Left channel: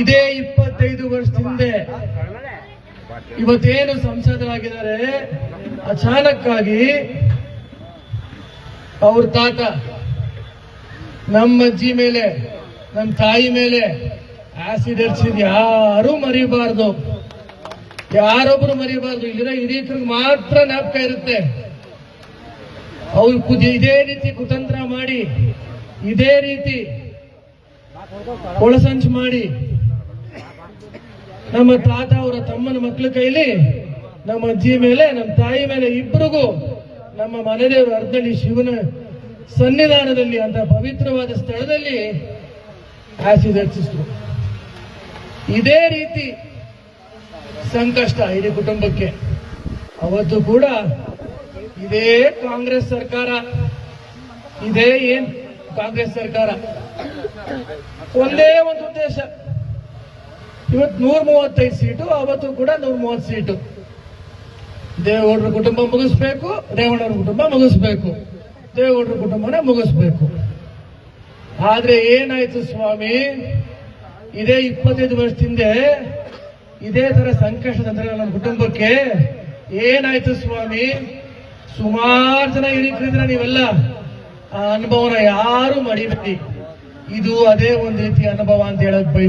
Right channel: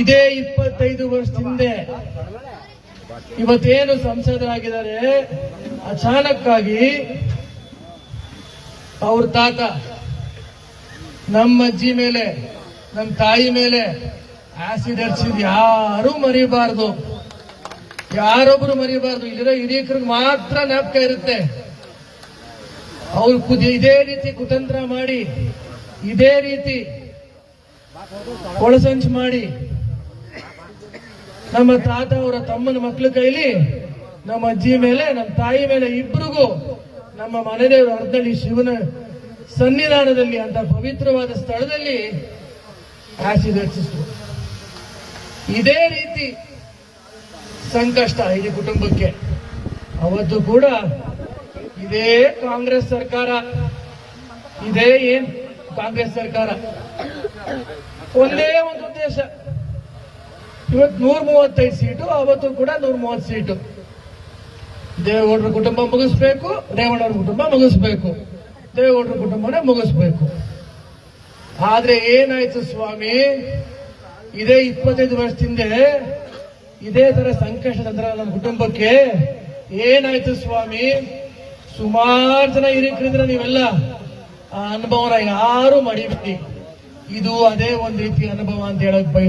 ಇದೇ 25 ವರ್ಷದ ಹಿಂದೆ ಇವತ್ತೇನು ಸಂಸದರಾಗಿದ್ದಾರೆ, ಅಚಾನಕ್ಕಾಗಿ ಅವ್ರ ತಾತ ನಮ್ಮ ಅಜ್ಜಿ ಮೇಲೆ, ನಮ್ಮ ತಾಯಿ ಮೇಲೆ ಆಸಿಡ್ ಹರಿಸಿದ್ ಯಾರೂ ಮರಿಬಾರ್ದು, ಯಾರೊಬ್ರು ಮರಿಬಾರ್ದು. ಇಲ್ಲಿರೋ ಹಿರಿಯರಿಗೆ ಮಾತ್ರ ಜ್ಞಾಪಕ ಇರುತ್ತೆ. ಅವ್ರು ಇದೇ ರೀತಿ ಕುತಂತ್ರ ಮಾಡಿ, ಇದೇ ರೀತಿ ಒಳಸಂಚು ಮಾಡಿ ನಮ್ಮ ತಾತ ಅವರ ತಮ್ಮನ ಮಕ್ಕಳ ಕೈಲಿ ನಮ್ಮ ಅಜ್ಜಿ ಮೇಲೆ, ನಮ್ಮ ತಾಯಿ ಮೇಲೆ ಇಬ್ಬರಿಗೂ ನಮ್ಮ ಮನೆದೇವರು ಅರ್ಧಳ್ಳಿ ಶಿವನ ಸನ್ನಿಧಾನದಲ್ಲಿ ಅಂತ ಪವಿತ್ರವಾದ ಸ್ಥಳದಲ್ಲಿ ಆಸಿಡ್ ಹಚ್ಚಿಸಿದ್ರು. ಇದೇ ರೀತಿ ಸಂಕಷ್ಟ ಇಡೀ ಕುಟುಂಬಕ್ಕೆ. ಅವತ್ತು ಕೂಡ ಇದೇ ಕಾಂಗ್ರೆಸ್ ಸರ್ಕಾರ, ಇದೇ ಕಾಂಗ್ರೆಸ್ ಸರ್ಕಾರ ಒಂದೇ ಒಂದು ಉದ್ದೇಶ, ಇವತ್ತು 135 ಸೀಟು, ಅವತ್ತು ಕೂಡ 130 ಸೀಟು. ದೇವೇಗೌಡರ ಕುಟುಂಬ ಮುಗಿಸ್ಬೇಕು, ರೇವಣ್ಣವ್ರ ಕುಟುಂಬ ಮುಗಿಸ್ಬೇಕು, ದೇವೇಗೌಡರ ಕುಟುಂಬನ ಮುಗಿಸ್ಬೇಕು. ಆದ್ರೆ ಏನಾಯ್ತು ಸ್ವಾಮಿ, ಇದೇ 25 ವರ್ಷದಿಂದ ಇದೇ ತರ ಸಂಕಷ್ಟ ತಂದ್ರೆ ನಮ್ಮ ಕುಟುಂಬಕ್ಕೆ ಏನಾಯ್ತು ಸ್ವಾಮಿ. ಸುಮಾರು ಜನ ಹಿರಿಕರಿದ್ರೆ ನೀವೆಲ್ಲ ಆ ಅನುಭವನ ಯಾರು ಮಡಿಬೇಡಿ. ಇದು ಅದೇ ಒಂದು ರೀತಿಯ ಅನುಭವ ಅಂತ ಹೇಳಕ್ ಬಯಸ್ತೀನಿ.